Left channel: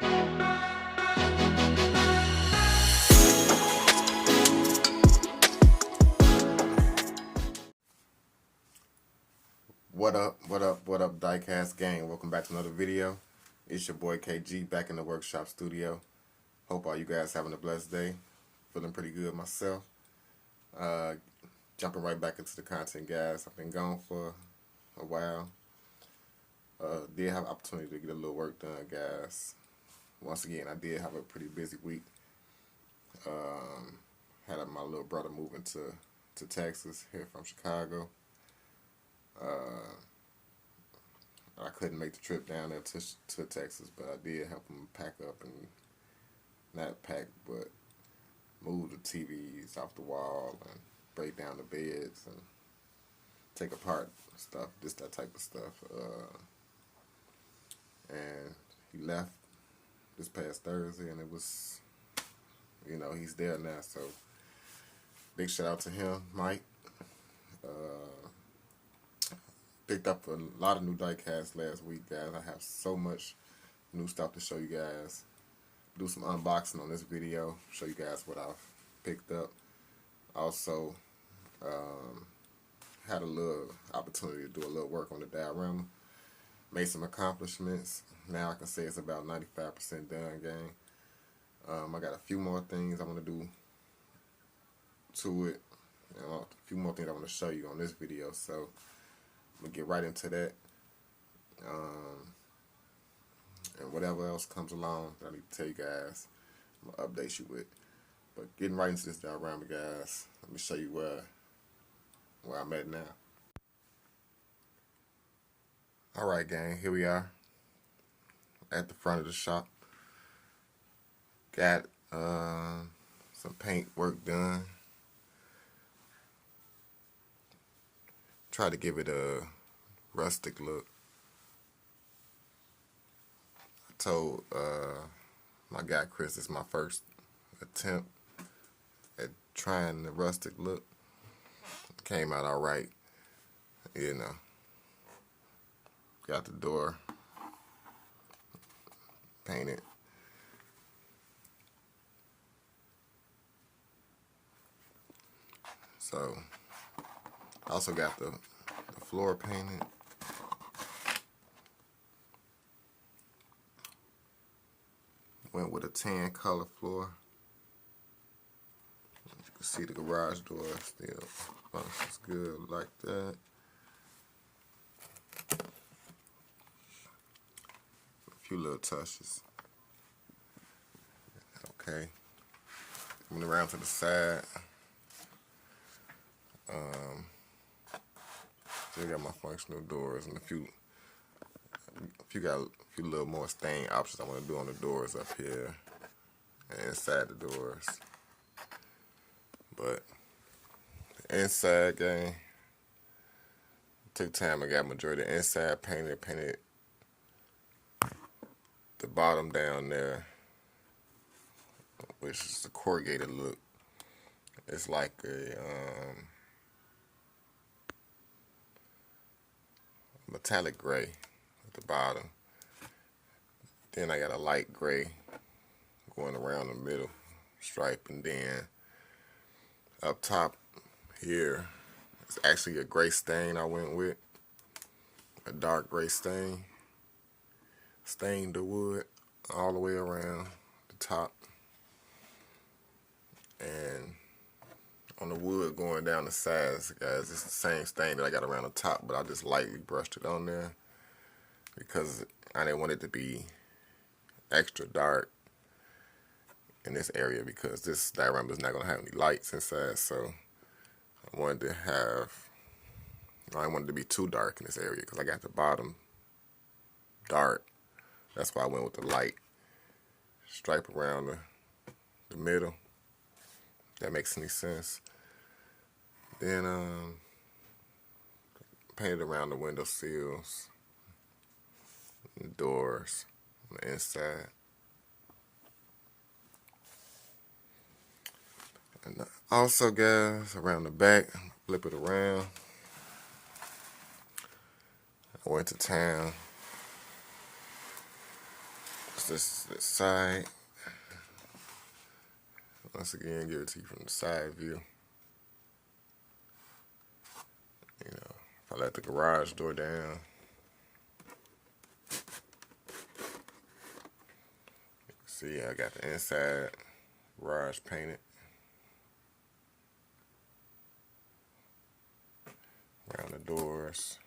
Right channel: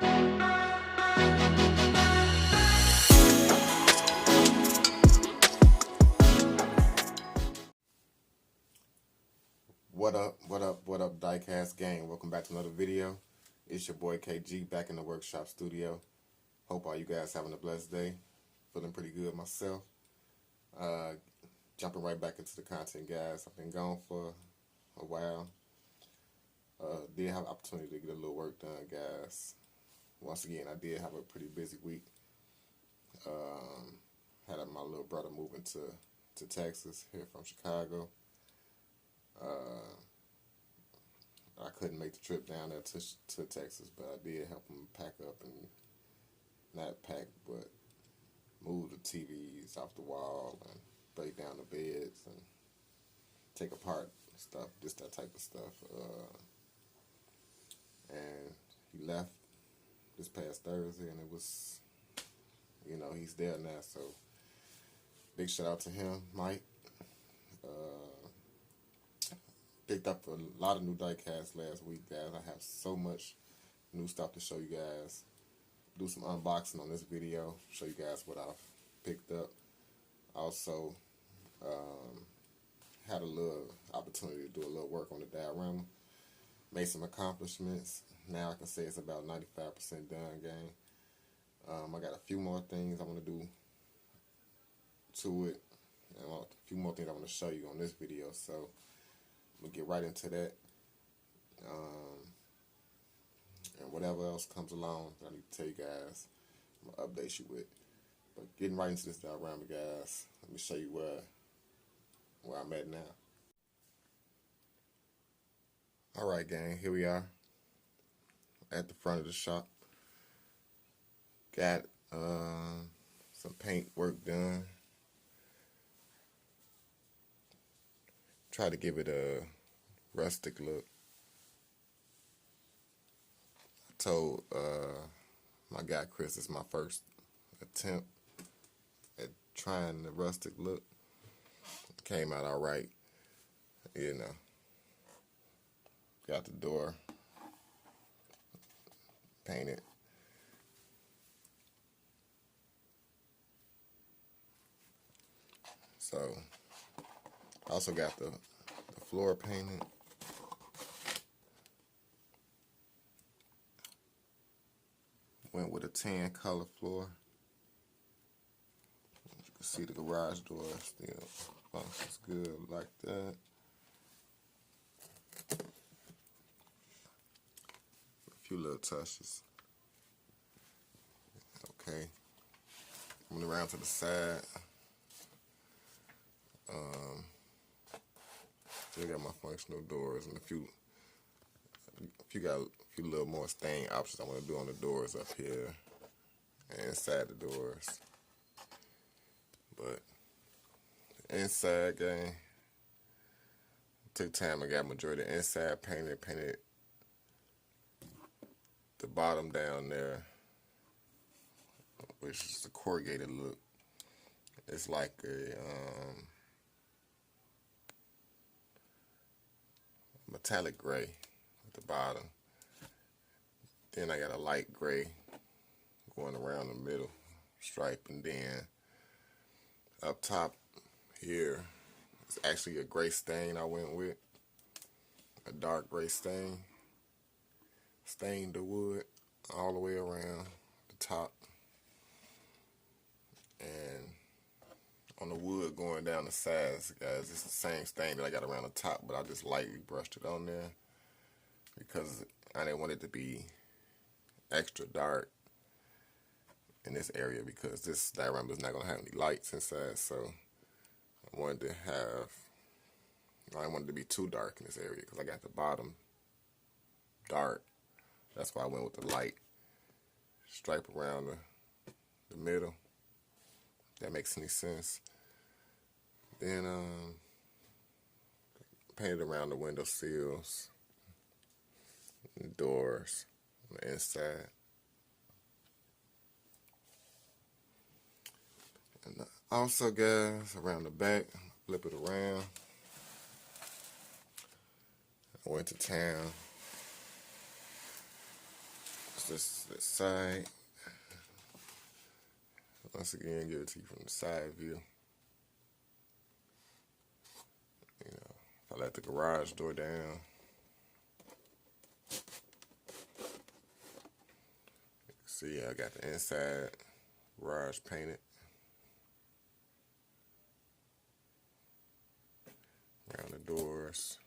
What up, Diecast gang? Welcome back to another video. It's your boy KG back in the workshop studio. Hope all you guys having a blessed day. Feeling pretty good myself. Jumping right back into the content, guys. I've been gone for a while. Did have opportunity to get a little work done, guys. Once again, I did have a pretty busy week. Had my little brother moving to Texas here from Chicago. I couldn't make the trip down there to Texas, but I did help him pack up and not pack, but move the TVs off the wall and break down the beds and take apart stuff, just that type of stuff. And he left this past Thursday, and it was, he's there now. So big shout out to him, Mike. Picked up a lot of new diecasts last week, guys. I have so much new stuff to show you guys. Do some unboxing on this video, show you guys what I've picked up. Also, had a little opportunity to do a little work on the diorama. Made some accomplishments. Now I can say it's about 95% done, gang. I got a few more things I want to do to it. A few more things I want to show you on this video. So I'm going to get right into that. And whatever else comes along that I need to tell you guys, I'm going to update you with. But getting right into this diorama, guys, let me show you where I'm at now. Alright, gang, here we are at the front of the shop. Got some paint work done. Try to give it a rustic look. I told my guy Chris it's my first attempt at trying the rustic look. Came out alright, Got the door painted. So I also got the floor painted. Went with a tan color floor. As you can see, the garage door still functions good like that. A few little touches. Okay. Coming around to the side. Still got my functional doors and a few little more stain options I want to do on the doors up here and inside the doors. But the inside, gang, took time. I got majority of the inside painted the bottom down there, which is the corrugated look. It's like a metallic gray at the bottom. Then I got a light gray going around the middle stripe, and then up top here it's actually a gray stain I went with, a dark gray stain. Stained the wood all the way around the top, and on the wood going down the sides, guys, it's the same stain that I got around the top, but I just lightly brushed it on there because I didn't want it to be extra dark in this area because this diorama is not going to have any lights inside, so I wanted to I didn't want it to be too dark in this area because I got the bottom dark. That's why I went with the light stripe around the middle. If that makes any sense. Then painted around the window sills, and doors on the inside. And also, guys, around the back, flip it around. I went to town this side. Once again, give it to you from the side view. You know, if I let the garage door down, you can see I got the inside garage painted. Around the doors.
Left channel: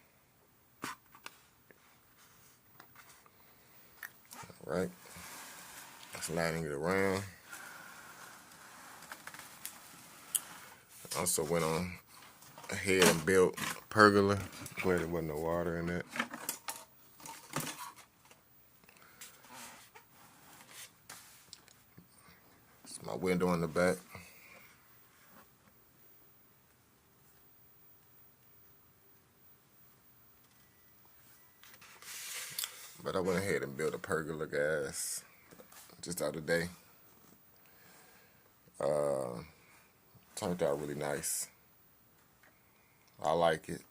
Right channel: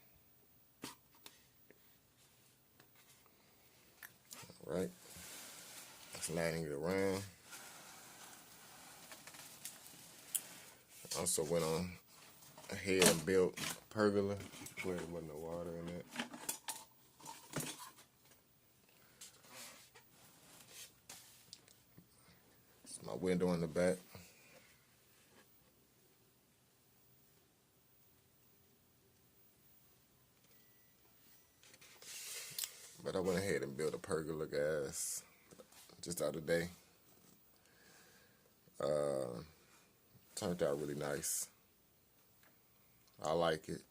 All right. Sliding it around. Also went on ahead and built a pergola where there wasn't no water in it. It's my window in the back. But I went ahead and built a pergola, guys, just the other day. Turned out really nice. I like it.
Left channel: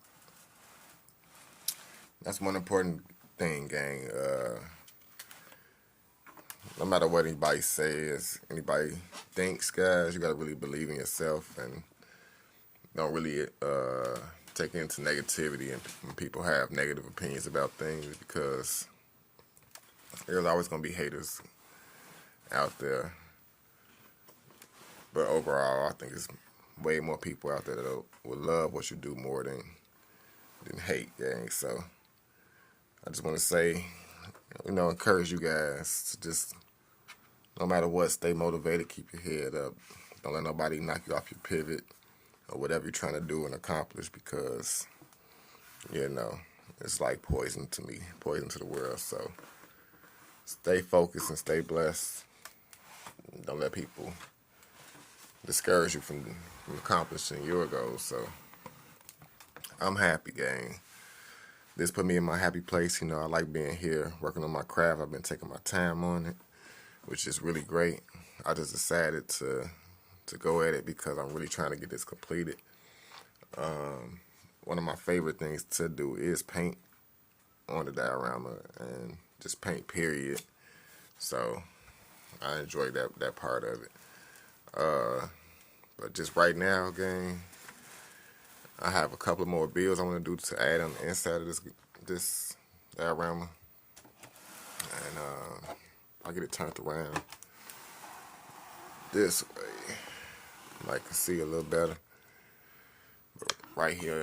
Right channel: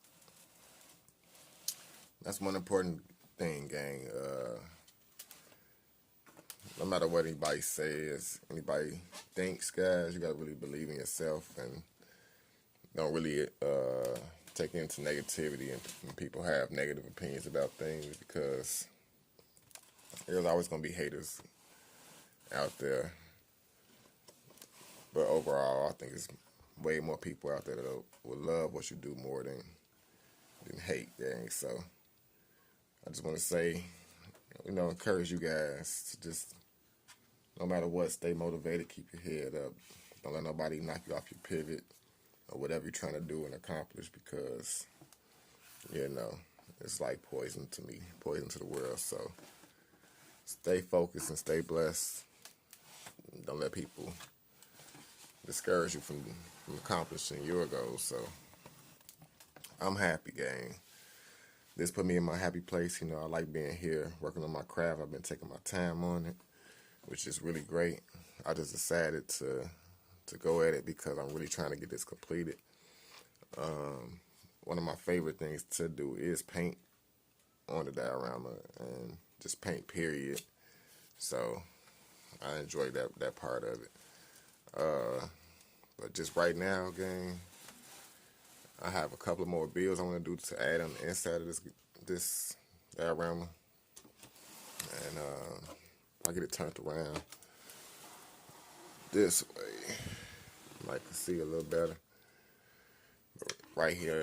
That's one important thing, gang. No matter what anybody says, anybody thinks, guys, you gotta really believe in yourself and don't really take into negativity and when people have negative opinions about things, because there's always gonna be haters out there. But overall, I think it's way more people out there that would love what you do more than hate, gang. So I just want to say, you know, encourage you guys to just, no matter what, stay motivated, keep your head up. Don't let nobody knock you off your pivot or whatever you're trying to do and accomplish, because, you know, it's like poison to me, poison to the world. So stay focused and stay blessed. Don't let people discourage you from accomplishing your goals. So I'm happy, gang. This put me in my happy place. You know, I like being here, working on my craft. I've been taking my time on it, which is really great. I just decided to go at it because I'm really trying to get this completed. One of my favorite things to do is paint on the diorama and just paint, period. So I enjoy that part of it. But just right now, gang, I have a couple of more builds I want to do to add on the inside of this diorama. And I'll get it turned around this way. I can see a little better. But right here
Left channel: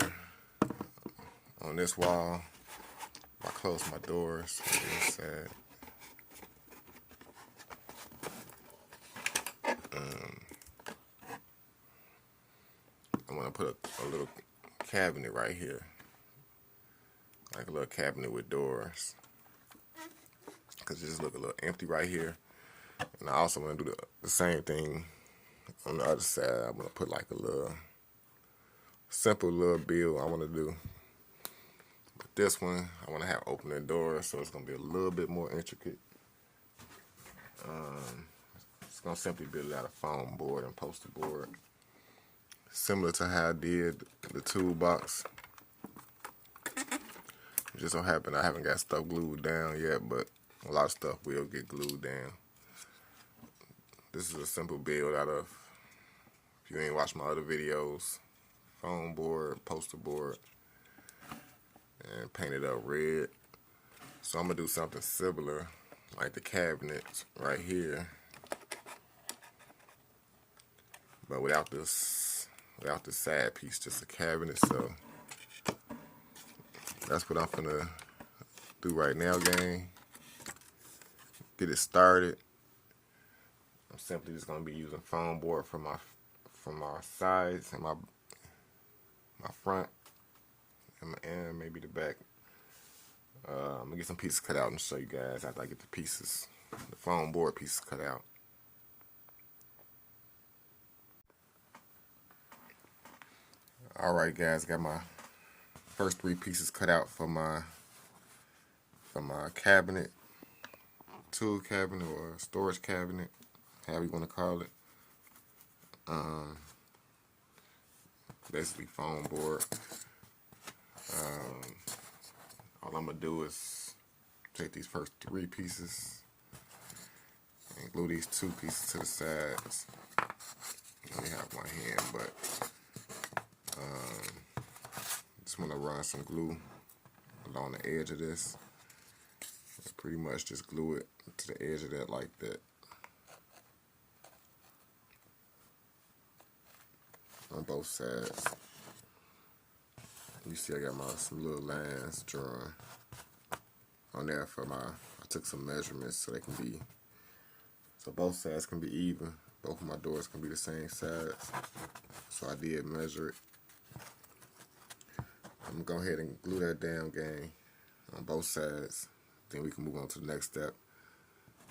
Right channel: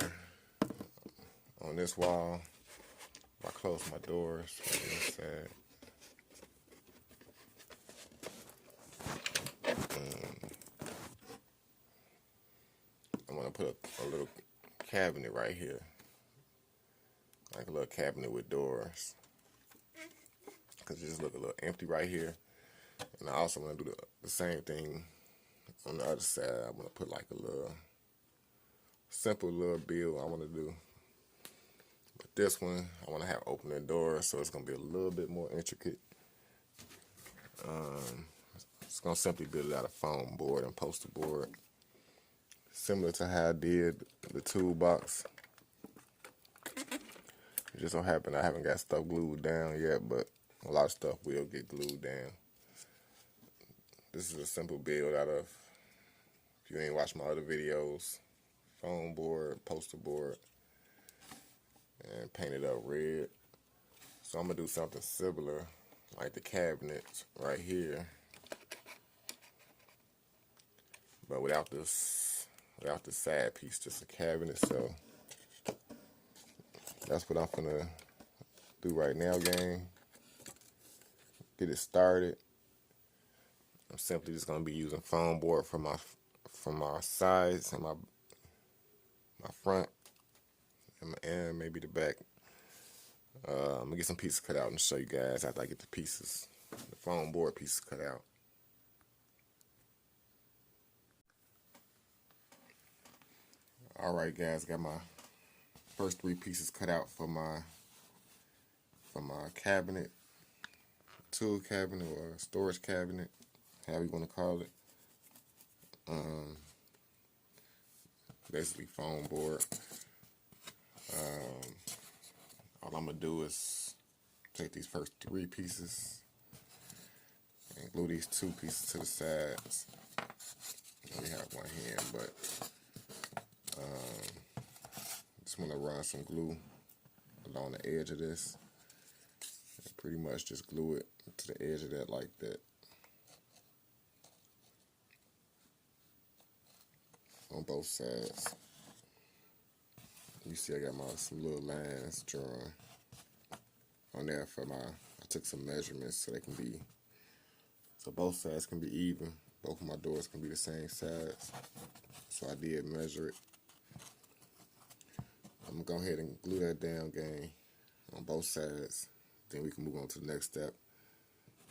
on this wall, I close my doors on this side. I'm gonna put a little cabinet right here, like a little cabinet with doors, because it just look a little empty right here. And I also want to do the same thing on the other side. I'm gonna put like a little simple little build I want to do. But this one, I want to have opening doors, so it's gonna be a little bit more intricate. It's gonna simply be a lot of foam board and poster board, similar to how I did the toolbox. It just so happen I haven't got stuff glued down yet, but a lot of stuff will get glued down. This is a simple build out of, if you ain't watched my other videos, foam board, poster board, and painted up red. So I'm gonna do something similar, like the cabinets right here, but without this side piece, just a cabinet. So that's what I'm gonna do right now, gang. Get it started. I'm simply just gonna be using foam board from my sides and my front and maybe the back. I'm gonna get some pieces cut out and show you guys after I get the foam board pieces cut out. Alright, guys, got my first 3 pieces cut out for my cabinet, tool cabinet or storage cabinet, however you want to call it. Basically foam board. All I'm gonna do is take these first 3 pieces glue these two pieces to the sides. I only have one hand, but just want to run some glue along the edge of this. Pretty much just glue it to the edge of that like that. On both sides. You see I got some little lines drawn on there for I took some measurements so they can be, so both sides can be even. Both of my doors can be the same size. So I did measure it. I'm gonna go ahead and glue that down, gang, on both sides. Then we can move on to the next step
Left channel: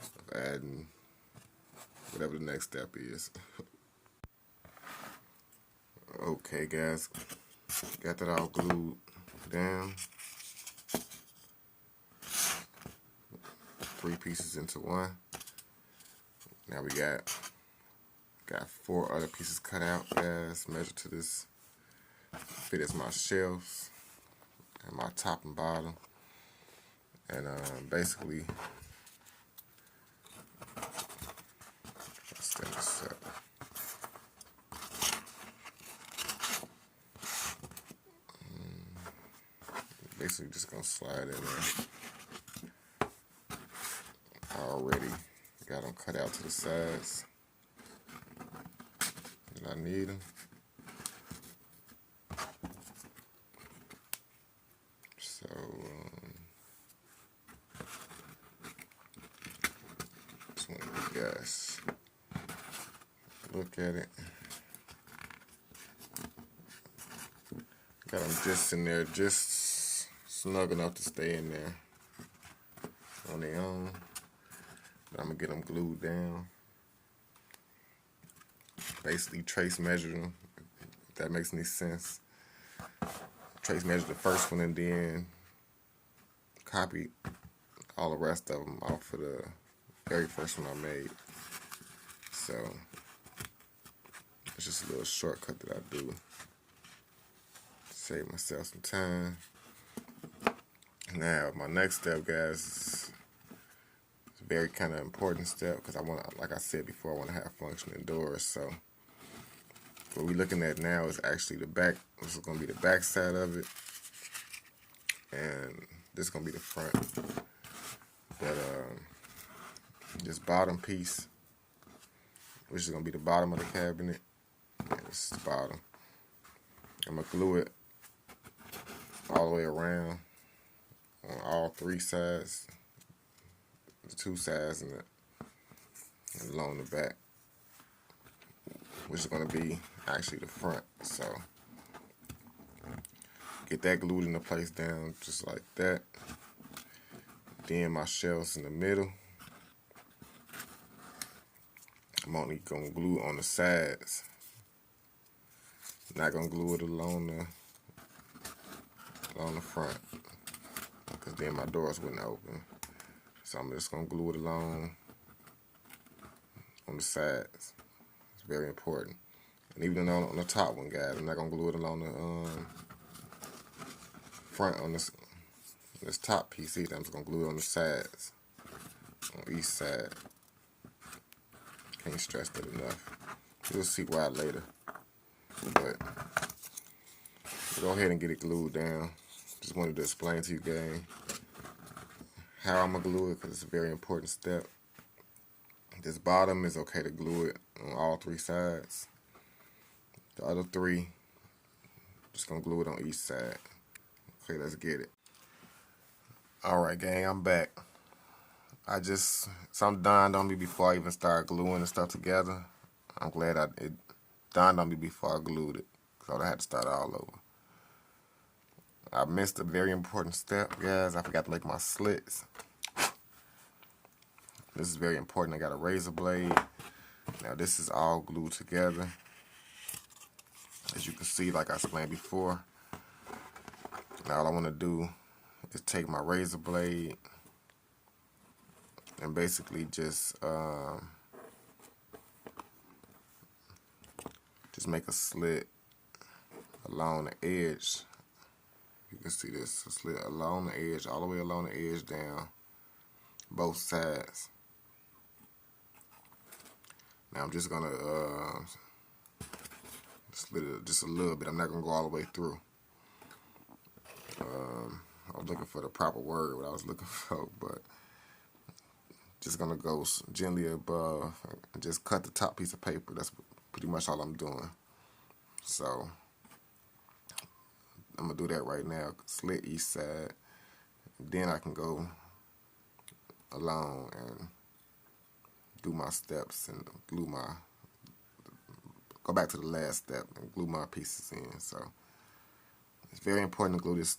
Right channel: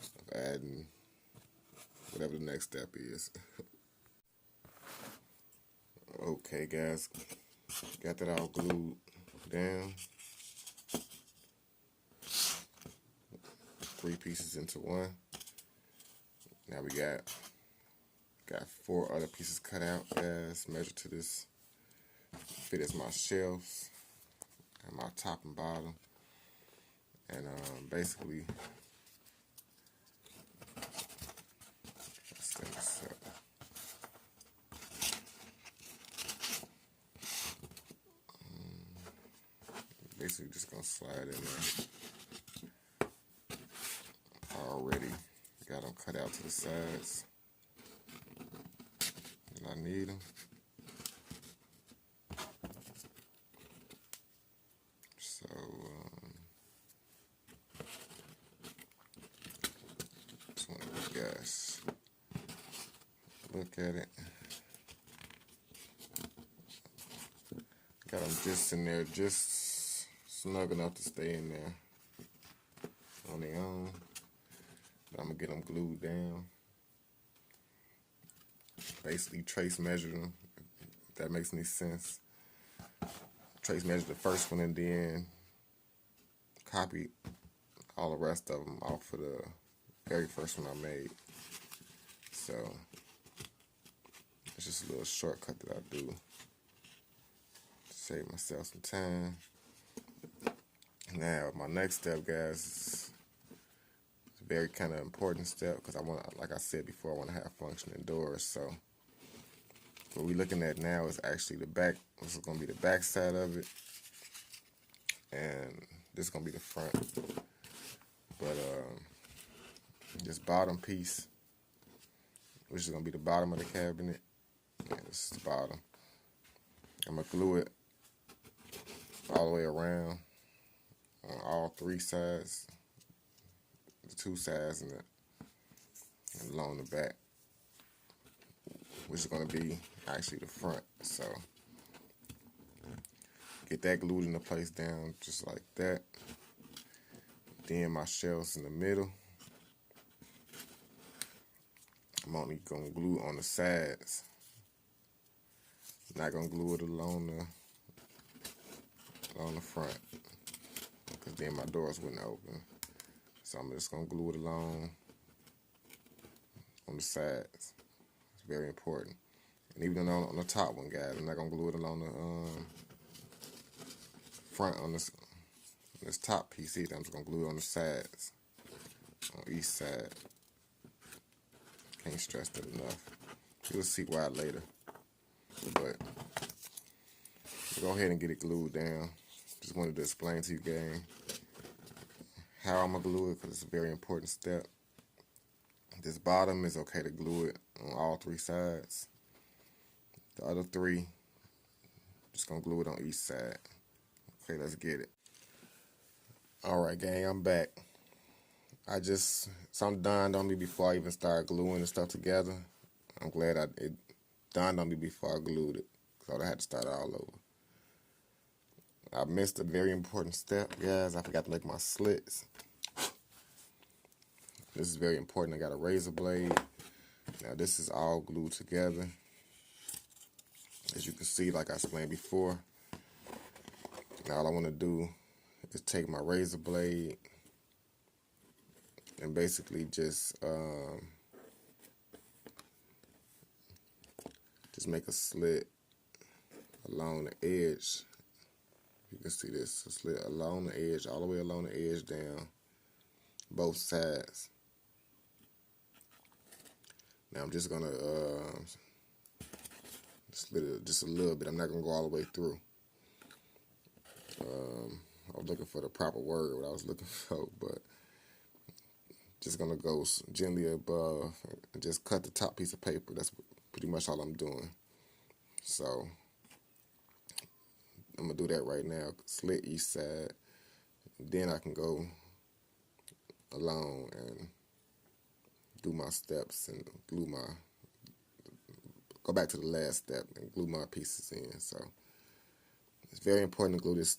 of adding whatever the next step is. Okay, guys, got that all glued down. 3 pieces into one. Now we got 4 other pieces cut out, guys. Measure to this fit as my shelves and my top and bottom. And basically, let's stand this up. Basically, just gonna slide in there. Already got them cut out to the sides. And I need them. So, just want you guys look at it. Got them just in there, just snug enough to stay in there on their own. But I'm gonna get them glued down. Basically trace measure them, if that makes any sense. Trace measure the first one and then copy all the rest of them off for the very first one I made. So it's just a little shortcut that I do to save myself some time. Now my next step, guys, is a very kind of important step because I want, like I said before, I want to have functioning doors. So what we're looking at now is actually the back. This is going to be the back side of it, and this is going to be the front. But this bottom piece, which is going to be the bottom of the cabinet, and this is the bottom. I'm going to glue it all the way around on all 3 sides, the 2 sides and along the back, which is going to be actually the front. So get that glued into place down just like that. Then my shelves in the middle. I'm only going to glue on the sides. Not going to glue it along the front, because then my doors wouldn't open. So I'm just going to glue it along on the sides. It's very important. And even on the top one, guys, I'm not going to glue it along the front on this top piece either. I'm just going to glue it on the sides, on each side. Can't stress that enough. You'll see why later. But go ahead and get it glued down. Just wanted to explain to you, gang, how I'm going to glue it, because it's a very important step. This bottom is okay to glue it on all 3 sides. The other 3, just going to glue it on each side. Okay, let's get it. Alright, gang, I'm back. Something dawned on me before I even started gluing the stuff together. I'm glad it dawned on me before I glued it, because I had to start all over. I missed a very important step, guys. I forgot to make my slits. This is very important. I got a razor blade. Now this is all glued together. As you can see, like I explained before. Now all I want to do is take my razor blade and basically just make a slit along the edge. You can see this, a slit along the edge, all the way along the edge down both sides. Now I'm just gonna split it just a little bit. I'm not gonna go all the way through. I was looking for the proper word, what I was looking for, but just gonna go gently above and just cut the top piece of paper. That's pretty much all I'm doing. So I'm gonna do that right now. Slit each side. Then I can go along and do my steps and go back to the last step and glue my pieces in. So it's very important to glue this,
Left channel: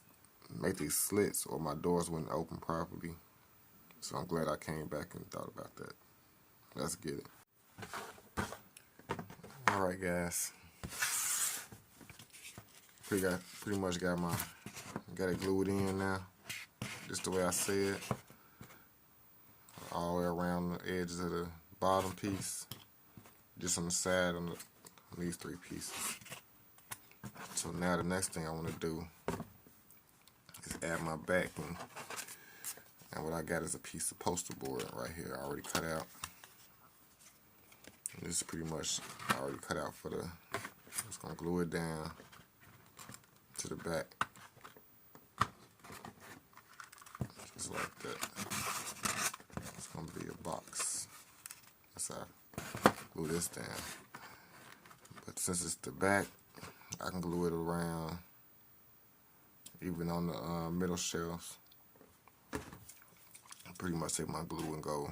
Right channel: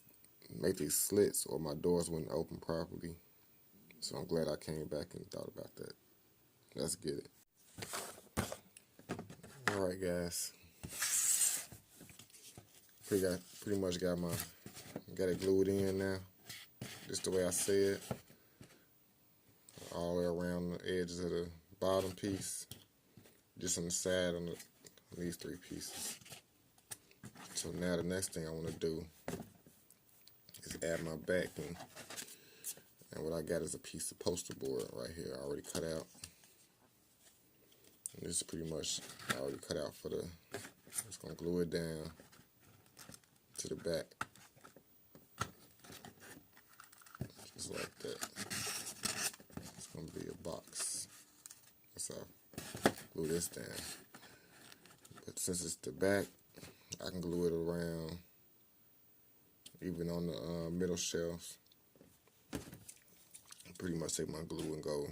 make these slits or my doors wouldn't open properly. So I'm glad I came back and thought about that. Let's get it. Alright guys. Pretty much got it glued in now. Just the way I said. All the way around the edges of the bottom piece. Just on the side on these three pieces. So now the next thing I want to do is add my backing. And what I got is a piece of poster board right here already cut out. And this is pretty much already cut out for the, just going to glue it down to the back. Just like that. It's going to be a box. That's how I glue this down. But since it's the back, I can glue it around, even on the middle shelves. Pretty much take my glue and go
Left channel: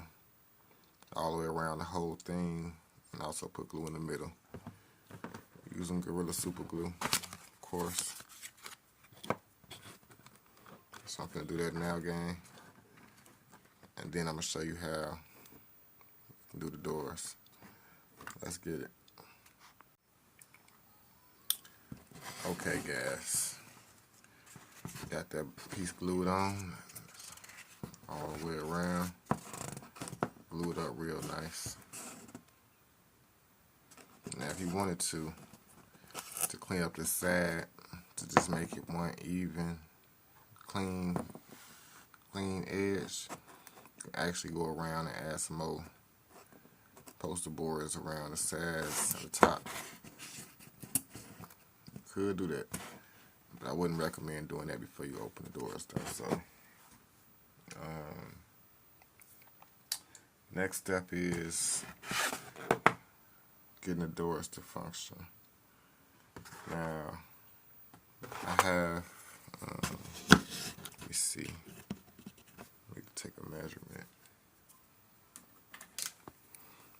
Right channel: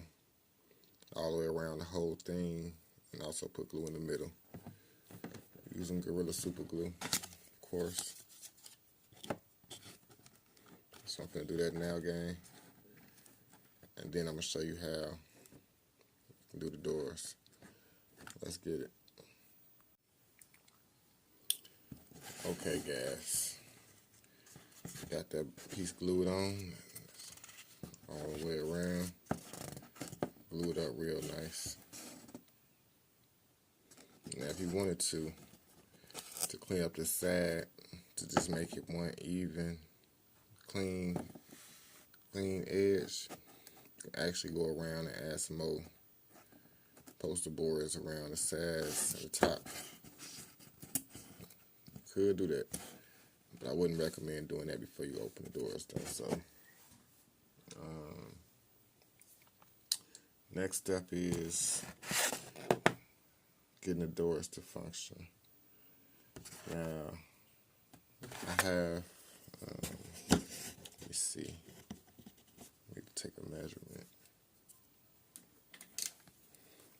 all the way around the whole thing, and also put glue in the middle. Using Gorilla Super Glue, of course. So I'm gonna do that now, gang. And then I'm gonna show you how to do the doors. Let's get it. Okay, guys. Got that piece glued on. All the way around, glue it up real nice. Now if you wanted to clean up this side, to just make it one even, clean edge, you can actually go around and add some more poster boards around the sides and the top. You could do that, but I wouldn't recommend doing that before you open the doors though, so. Next step is getting the doors to function. Now, I have, let me see, let me take a measurement.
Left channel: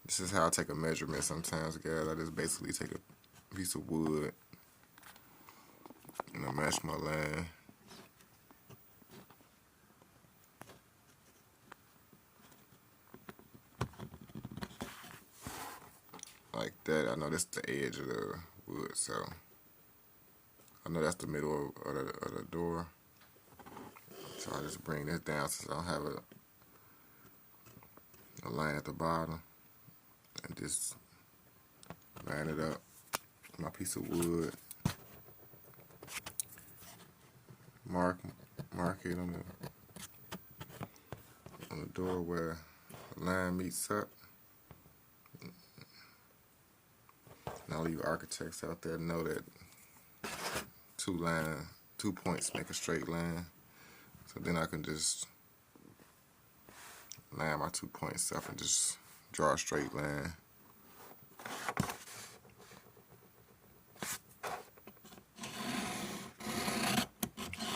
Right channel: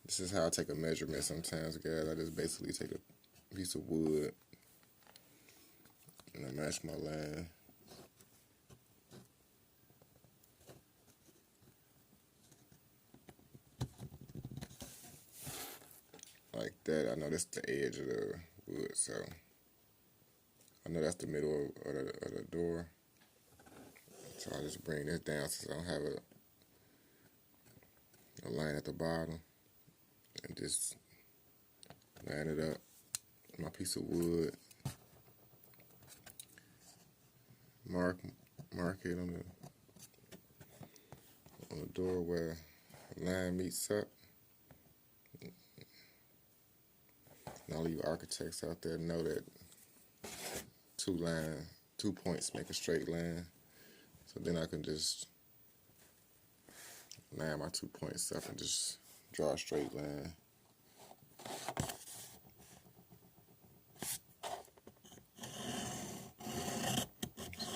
This is how I take a measurement sometimes, guys. I just basically take a piece of wood and I match my line. Like that. I know that's the edge of the wood, so I know that's the middle of the door. So I just bring this down since I don't have a line at the bottom, and just line it up. My piece of wood, mark it on the door where the line meets up. And all you architects out there know that 2 points make a straight line. So then I can just line my 2 points up and just draw a straight line.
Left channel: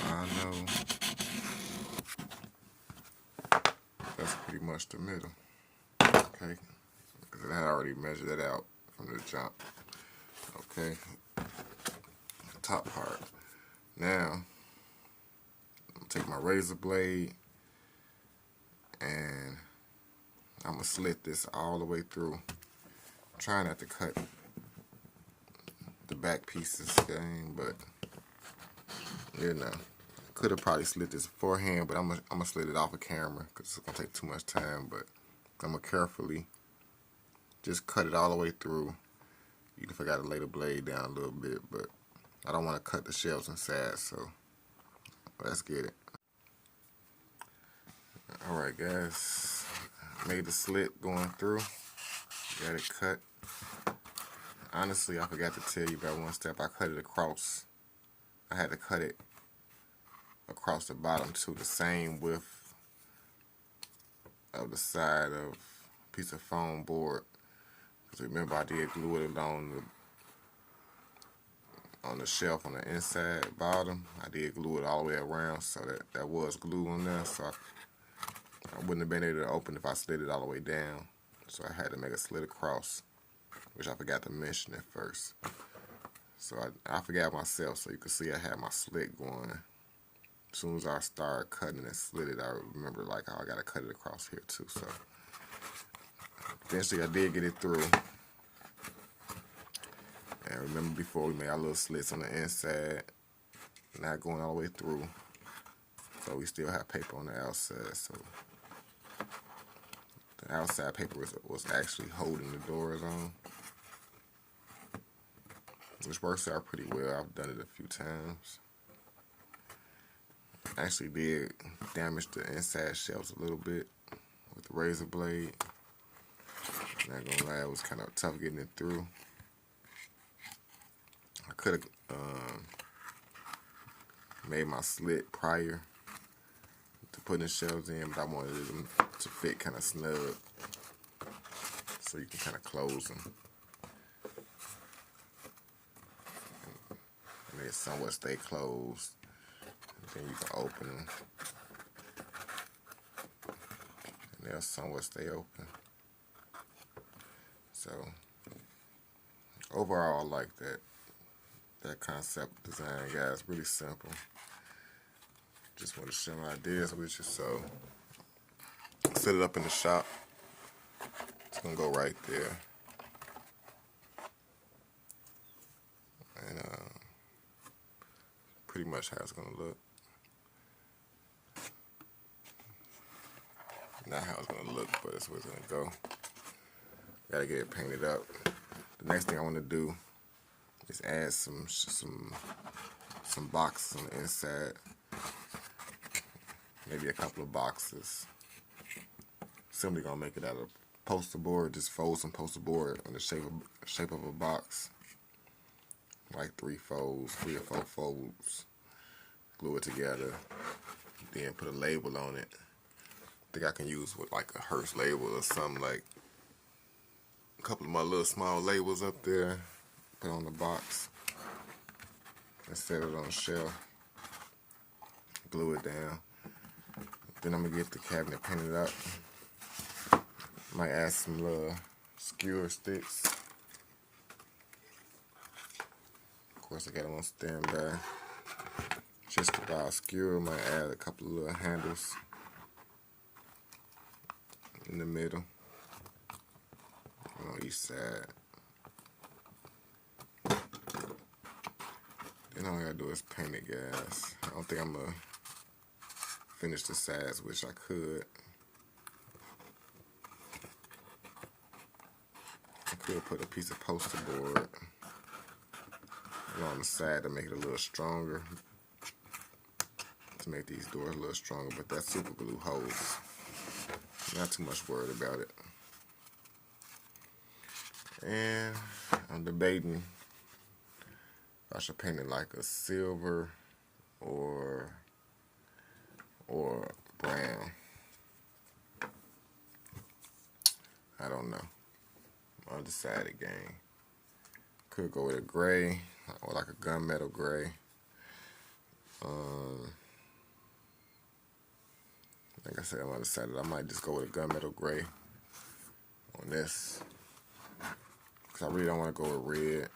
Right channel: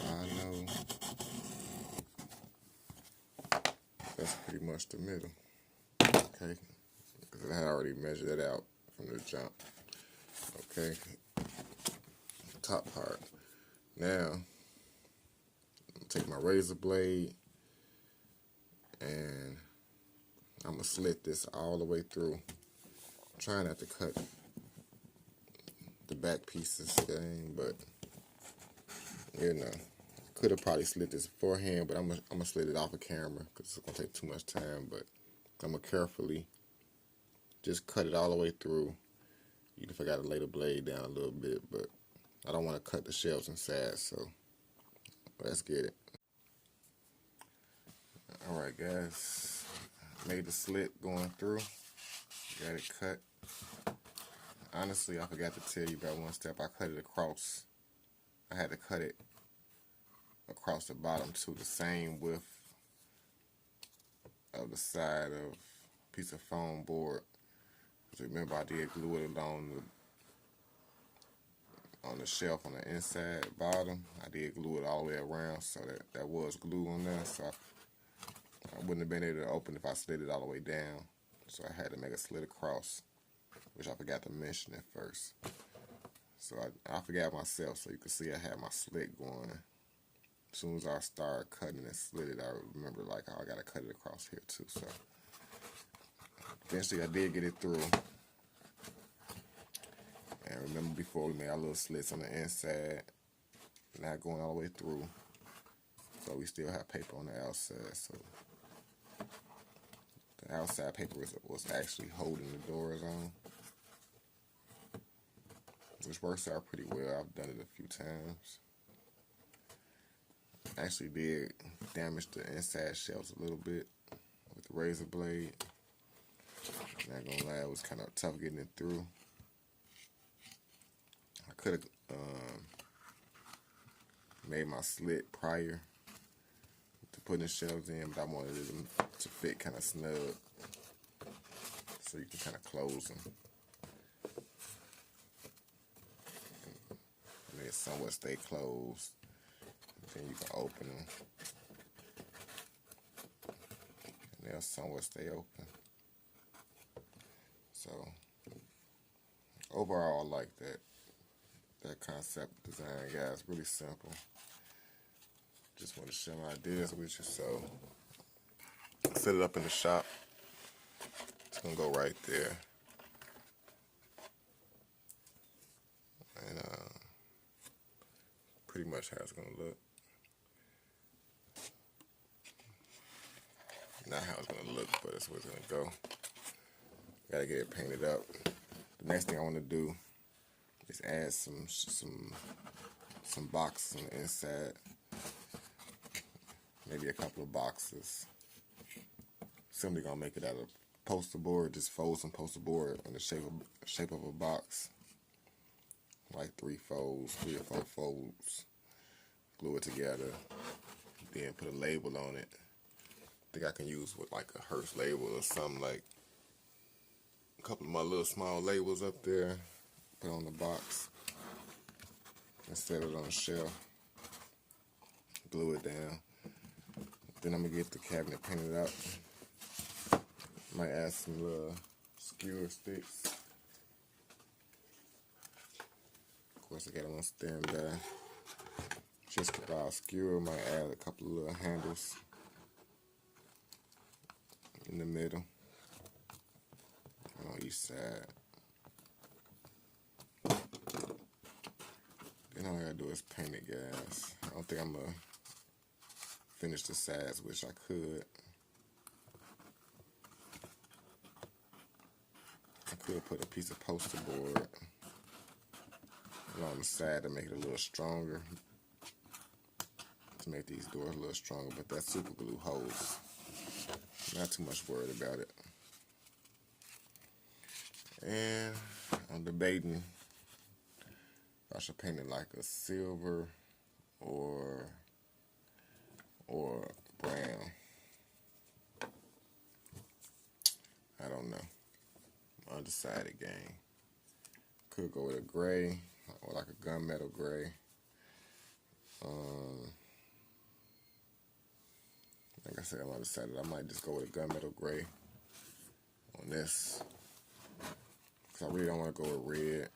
I know that's pretty much the middle. Okay, I already measured that out from the jump. Okay, the top part. Now, I'm gonna take my razor blade and I'm gonna slit this all the way through. I'm trying not to cut the back pieces, gang, but you know, could have probably slit this beforehand, but I'm gonna slit it off of camera because it's gonna take too much time. But I'm gonna carefully just cut it all the way through. Even if I gotta lay the blade down a little bit, but I don't want to cut the shelves inside, so let's get it. Alright guys, I made the slit going through. Got it cut. Honestly, I forgot to tell you about one step. I cut it across. I had to cut it across the bottom to the same width of the side of a piece of foam board. Because remember, I did glue it on the shelf on the inside bottom. I did glue it all the way around, so that was glue on there. So I wouldn't have been able to open if I slid it all the way down. So I had to make a slit across, which I forgot to mention at first. So I forgot myself, so you can see I had my slit going. As soon as I started cutting and slid it, I remember like, oh, I gotta cut it across here too. So eventually I did get it through. And remember before we made our little slits on the inside, not going all the way through. So we still have paper on the outside. So the outside paper was actually holding the doors on, which works out pretty well. I've done it a few times. I actually did damage the inside shelves a little bit with the razor blade. Not gonna lie, it was kind of tough getting it through. I could have made my slit prior to putting the shelves in, but I wanted them to fit kind of snug so you can kind of close them. And they somewhat stay closed. Then you can open them. And they'll somewhat stay open. So overall, I like that concept design, guys. Really simple. Just want to share my ideas with you. So set it up in the shop. It's gonna go right there. And pretty much how it's gonna look. Not how it's gonna look, but it's where it's gonna go. Gotta get it painted up. The next thing I want to do is add some boxes on the inside. Maybe a couple of boxes. Simply gonna make it out of poster board. Just fold some poster board in the shape of a box, like 3 or 4 folds. Glue it together. Then put a label on it. I think I can use with like a Hearst label or something, like a couple of my little small labels up there. Put on the box and set it on the shelf. Glue it down. Then I'm gonna get the cabinet painted up. Might add some little skewer sticks. Of course, I got it on standby. Just to buy a skewer, might add a couple of little handles in the middle on each side. Then all I gotta do is paint it, guys. I don't think I'm gonna finish the sides, which I could. I could put a piece of poster board along the side to make it a little stronger, to make these doors a little stronger, but that super glue holds. Not too much worried about it. And I'm debating if I should paint it like a silver or brown. I don't know. I'll decide again. Could go with a gray or like a gunmetal gray. Like I said, I'm undecided. I might just go with a gunmetal gray on this, because I really don't want to go with red.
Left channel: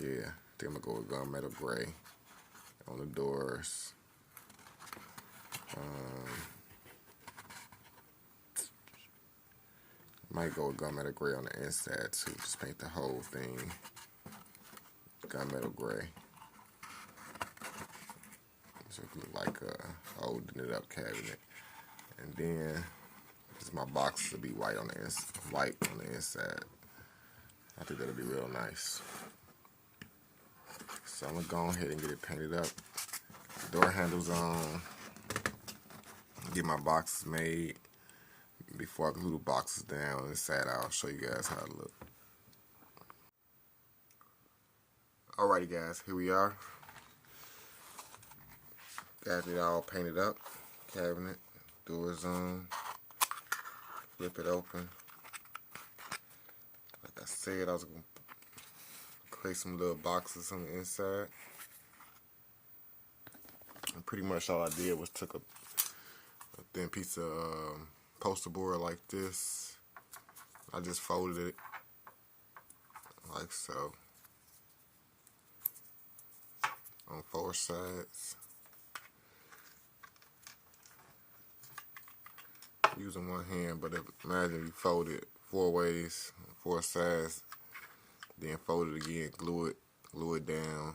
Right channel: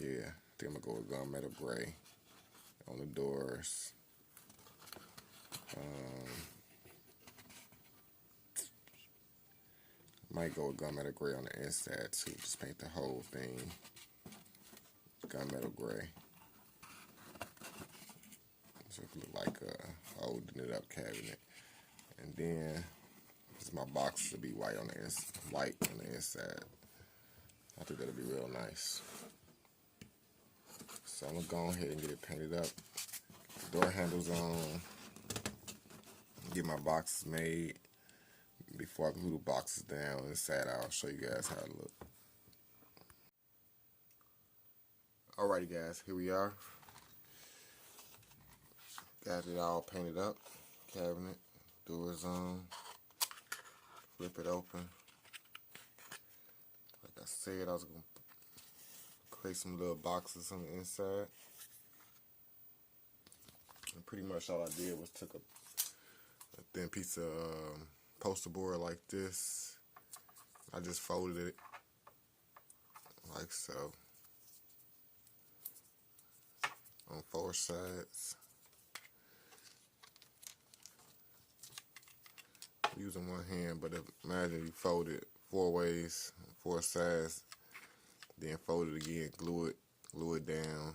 Yeah, I think I'm going to go with gunmetal gray on the doors. Might go with gunmetal gray on the inside too. Just paint the whole thing gunmetal gray. So it look like a holding it up cabinet. And then my box will be white on the inside. I think that'll be real nice. So I'm gonna go ahead and get it painted up. Door handles on. Get my boxes made. before I glue the boxes down on this side, I'll show you guys how it look. Alrighty guys, here we are. Got it all painted up. Cabinet, doors on. Flip it open. Like I said, I was going to place some little boxes on the inside. And pretty much all I did was took a thin piece of poster board like this. I just folded it like so on 4 sides. Using one hand, but imagine you fold it 4 ways, 4 sides, then fold it again, glue it down.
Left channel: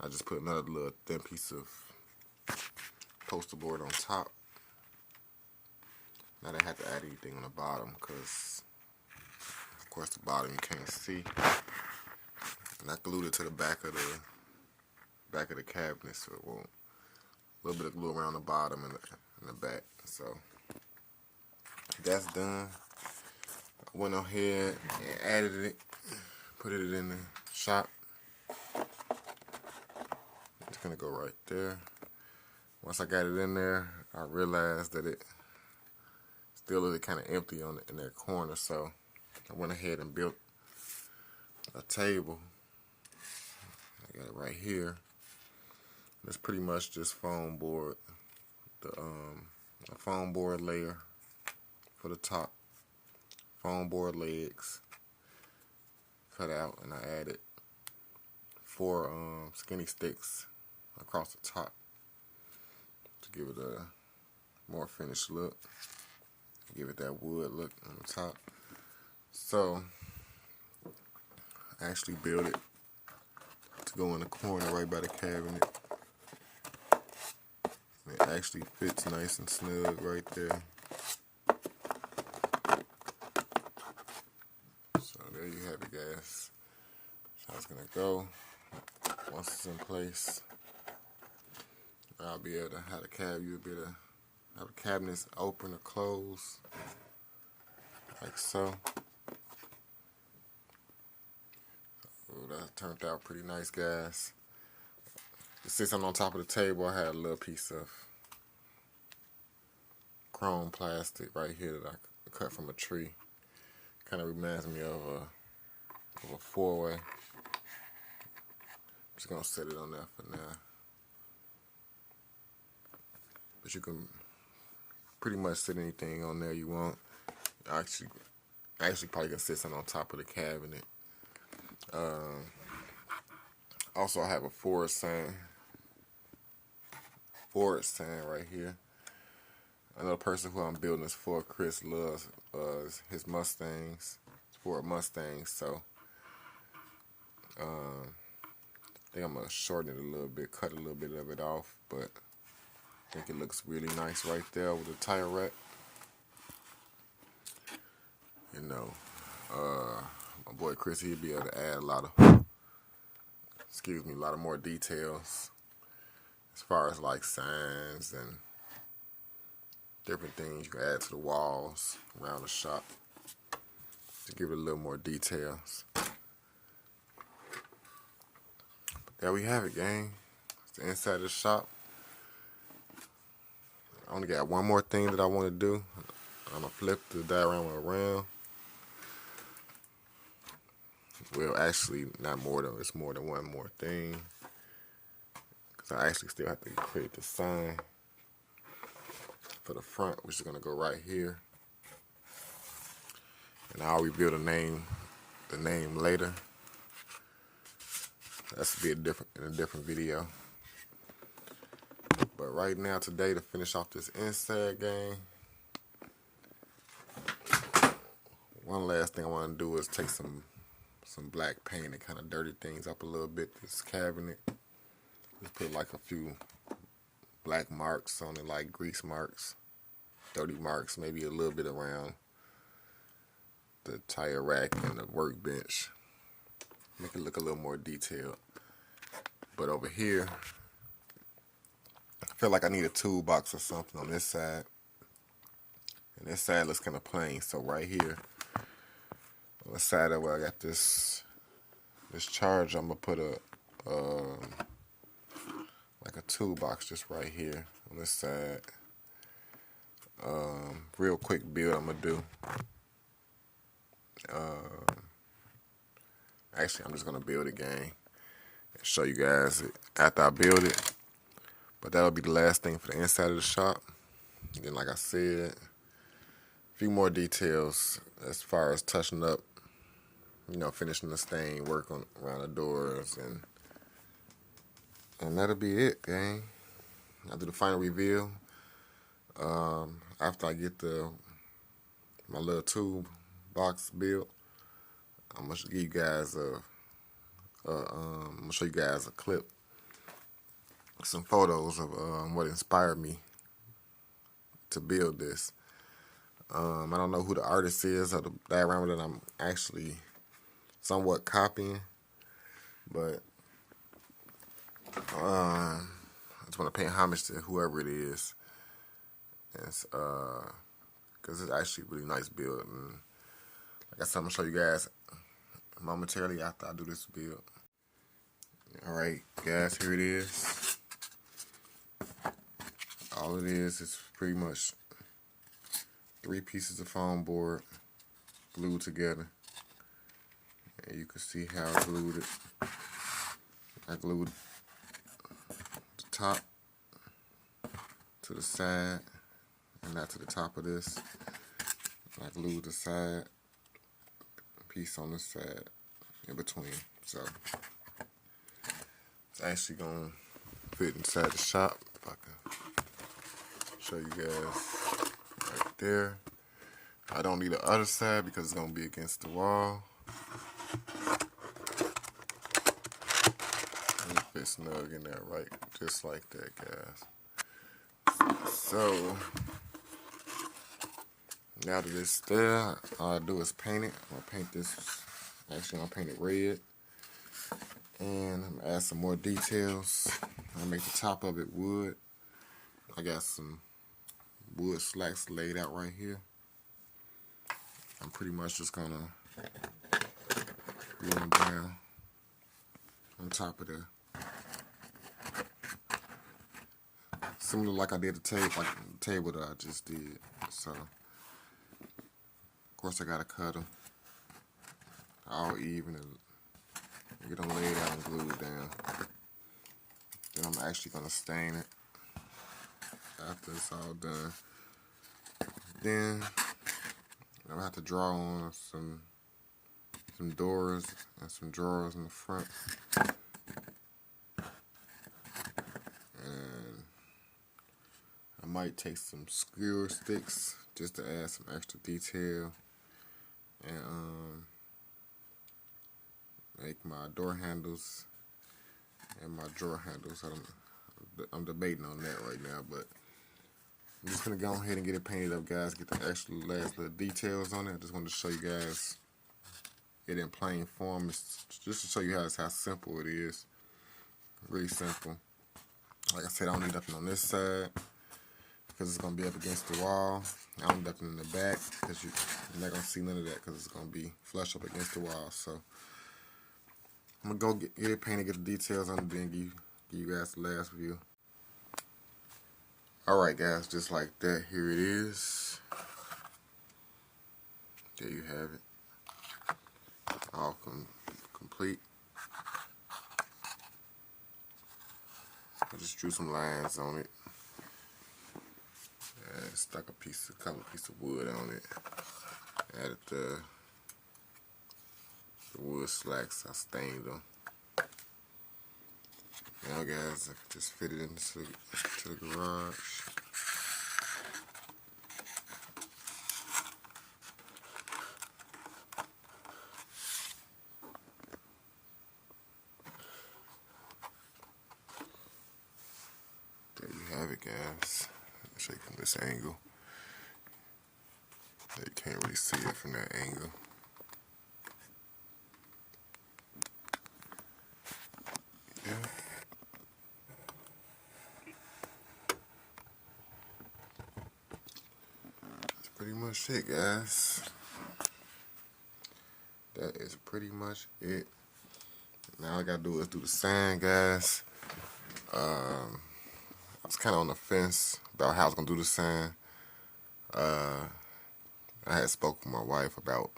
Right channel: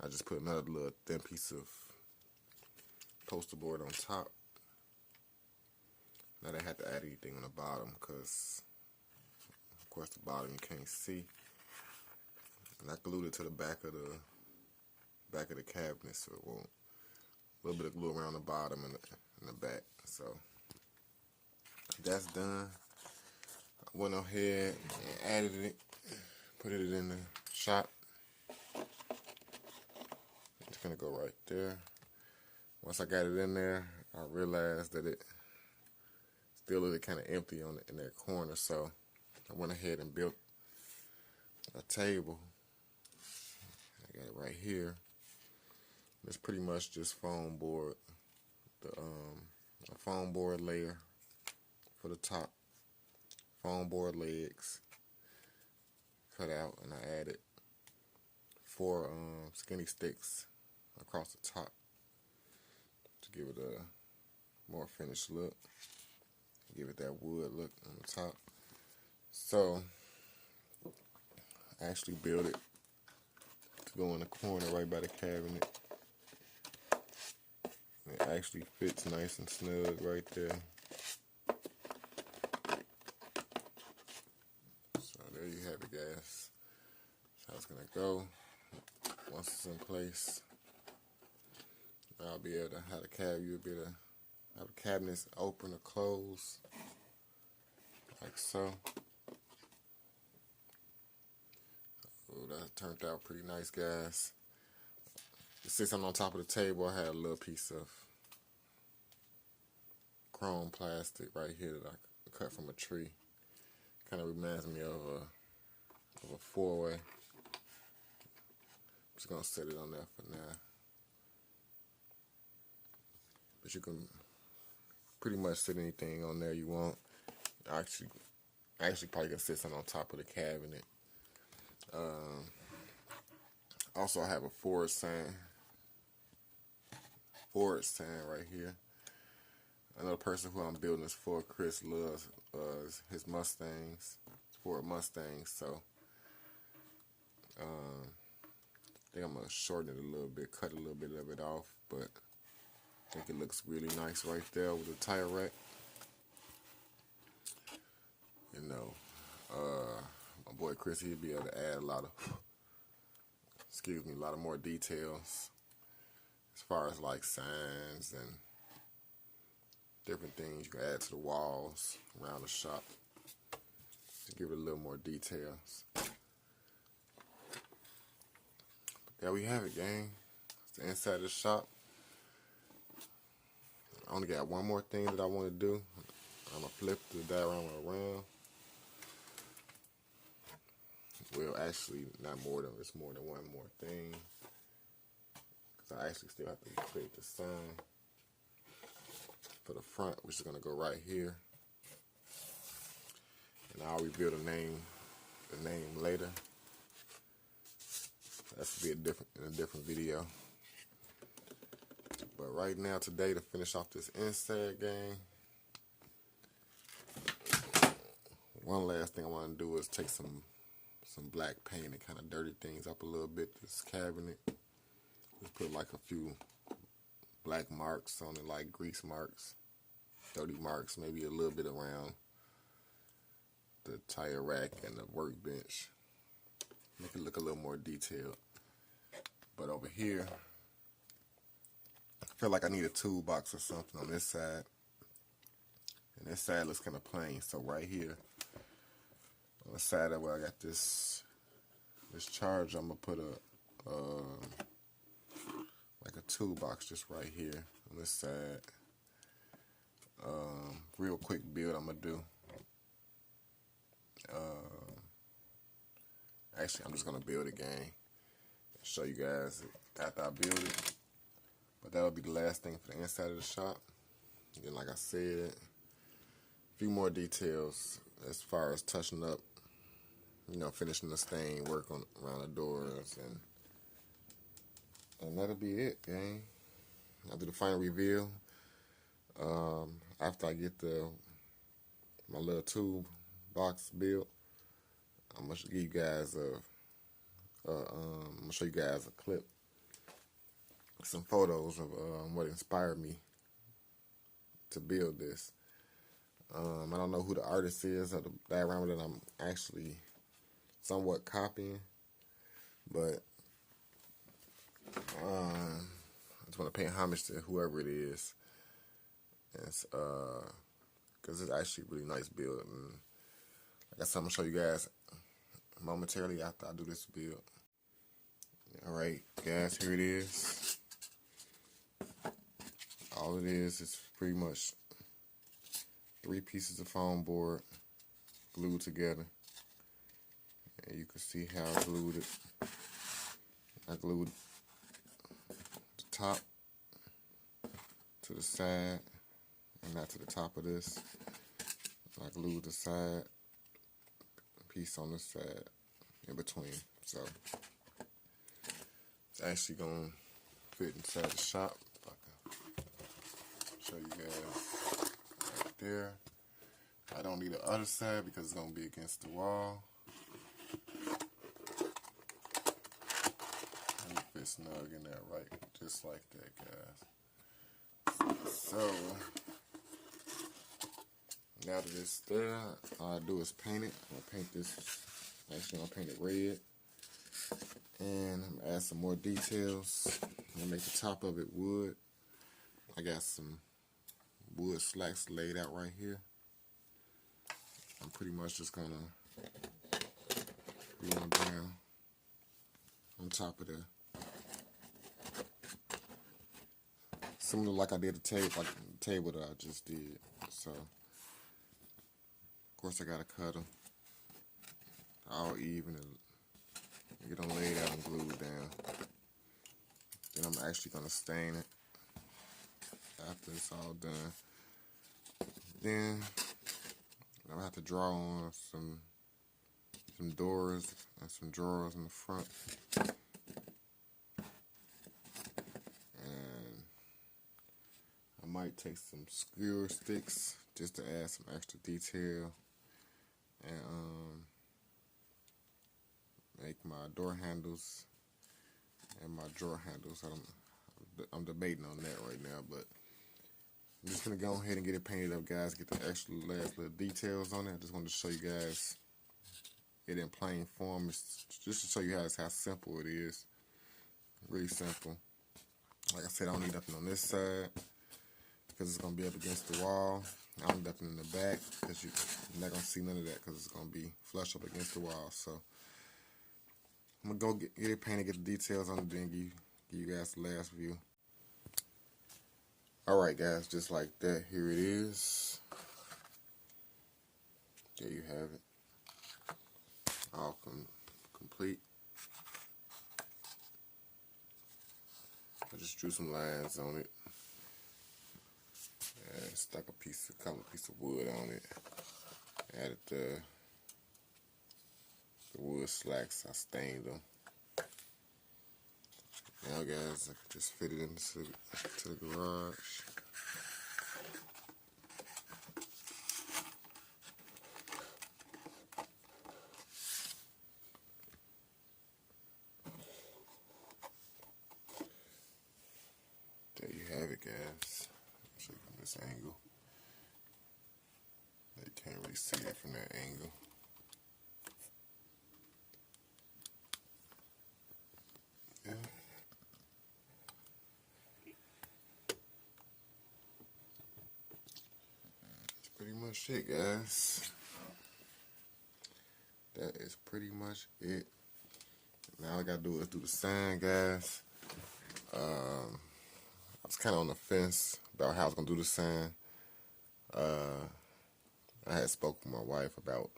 I just put another little thin piece of poster board on top. I didn't have to add anything on the bottom because, of course, the bottom you can't see. And I glued it to the back of the cabinet, so it won't. A little bit of glue around the bottom and the back. So that's done. I went ahead and added it, put it in the shop. It's gonna go right there. Once I got it in there, I realized that it still looked kind of empty in that corner, so I went ahead and built a table. I got it right here. It's pretty much just foam board, the foam board layer for the top, foam board legs cut out, and I added 4 skinny sticks across the top to give it a more finished look, give it that wood look on the top. So I actually built it to go in the corner right by the cabinet. It actually fits nice and snug right there. So there you have it, guys. That's how it's gonna go. Once it's in place, I'll be able to have you'll be able to have the cabinets open or close, like so. Oh, that turned out pretty nice, guys. Since I'm on top of the table, I had a little piece of chrome plastic right here that I cut from a tree. Kind of reminds me of a 4-way. Just gonna set it on there for now. But you can pretty much set anything on there you want. I actually probably can sit something on top of the cabinet. Also, I have a Ford sign right here. Another person who I'm building this for, Chris, loves his Mustangs, Ford Mustangs. So I think I'm gonna shorten it a little bit, cut a little bit of it off, but I think it looks really nice right there with the tire rack. You know, my boy Chris, he'll be able to add a lot of more details as far as like signs and different things you can add to the walls around the shop to give it a little more details. But there we have it, gang. It's the inside of the shop. I only got one more thing that I want to do. I'm going to flip the diorama around. Well, actually, not more than, it's more than one more thing. Because I actually still have to create the sign for the front, which is going to go right here. And I'll reveal the name later. That's be in a different video. But right now, today, to finish off this inside game, one last thing I want to do is take some black paint and kind of dirty things up a little bit. This cabinet, just put like a few black marks on it, like grease marks, dirty marks, maybe a little bit around the tire rack and the workbench. Make it look a little more detailed. But over here, I feel like I need a toolbox or something on this side. And this side looks kind of plain. So right here, on the side of where I got this charge, I'm gonna put a like a toolbox just right here on this side. Real quick build I'm gonna do. Actually, I'm just gonna build a game and show you guys it after I build it. But that'll be the last thing for the inside of the shop. And then, like I said, a few more details as far as touching up, you know, finishing the stain, work on around the doors, and that'll be it, gang. I'll do the final reveal after I get my little tube box built. I'm gonna give you guys I'm gonna show you guys a clip, some photos of what inspired me to build this. I don't know who the artist is or the diorama that I'm actually somewhat copying, but I just want to pay homage to whoever it is. Because it's actually a really nice build. And like I said, I'm going to show you guys momentarily after I do this build. Alright, guys, here it is. All it is pretty much 3 pieces of foam board glued together. And you can see how I glued it. I glued the top to the side and not to the top of this. I glued the side piece on this side in between. So it's actually gonna fit inside the shop. If I can show you guys right there. I don't need the other side because it's gonna be against the wall. It fits snug in there, right? Just like that, guys. So now that it's there, all I do is paint it. I'm gonna paint this. Actually, I'm gonna paint it red, and I'm gonna add some more details. I'm gonna make the top of it wood. I got some wood slats laid out right here. I'm pretty much just gonna glue them down on top of there. Similar like I did the table that I just did. So, of course, I gotta cut them all even and get them laid out and glued down. Then I'm actually gonna stain it after it's all done. Then I'm gonna have to draw on some doors and some drawers in the front. I might take some skewer sticks just to add some extra detail and make my door handles and my drawer handles. I'm debating on that right now, but I'm just gonna go ahead and get it painted up, guys. Get the extra last little details on it. I just wanted to show you guys it in plain form. It's just to show you how simple it is. Really simple. Like I said, I don't need nothing on this side because it's going to be up against the wall. I don't need nothing in the back because you're not going to see none of that because it's going to be flush up against the wall. So I'm going to go get it painted, get the details on it, then give you guys the last view. Alright guys, just like that, here it is. There you have it. All complete. I just drew some lines on it. And stuck a couple pieces of wood on it. Added the wood slacks. I stained them. Now guys, I just fit it into the garage. There you have it, guys. I'll show you from this angle. You can't really see it from that angle. Yeah. That's pretty much it, guys. That is pretty much it. Now all I gotta do is do the sign, guys. I was kind of on the fence about how I was gonna do the sign. I had spoke with my wife about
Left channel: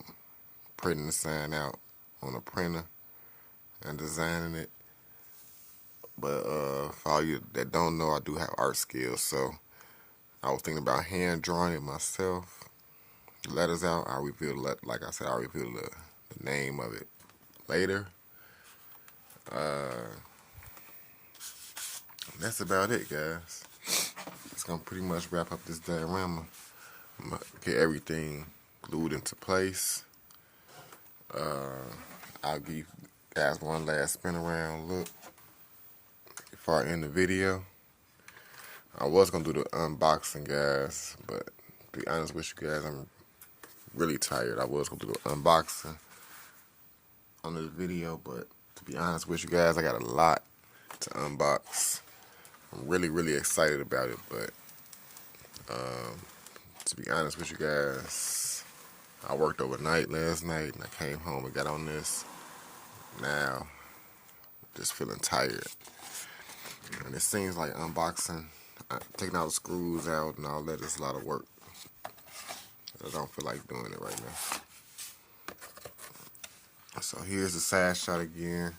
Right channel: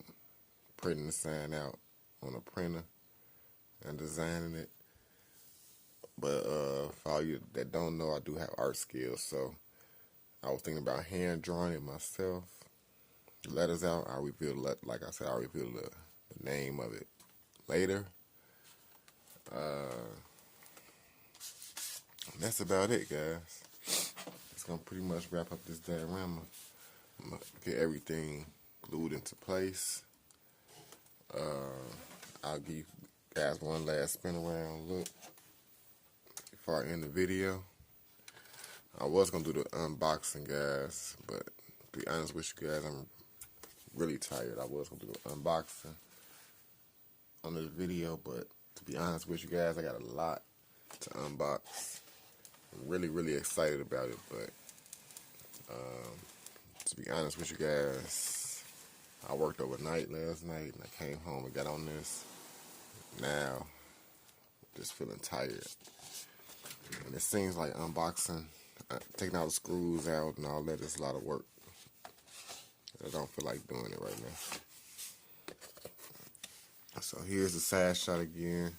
printing the sign out on a printer and designing it. But for all you that don't know, I do have art skills, so I was thinking about hand drawing it myself. The letters out, I'll reveal, like I said, I'll reveal the name of it later. That's about it, guys. It's gonna pretty much wrap up this diorama. I'm gonna get everything glued into place. I'll give you guys one last spin around look before I end the video. I was gonna do the unboxing, guys, but to be honest with you guys, I'm really tired. I was gonna do the unboxing on this video, but to be honest with you guys, I got a lot to unbox. I'm really excited about it, but to be honest with you guys, I worked overnight last night and I came home and got on this. Now, just feeling tired. And it seems like unboxing, taking all the screws out and all that is a lot of work. I don't feel like doing it right now. So here's the side shot again.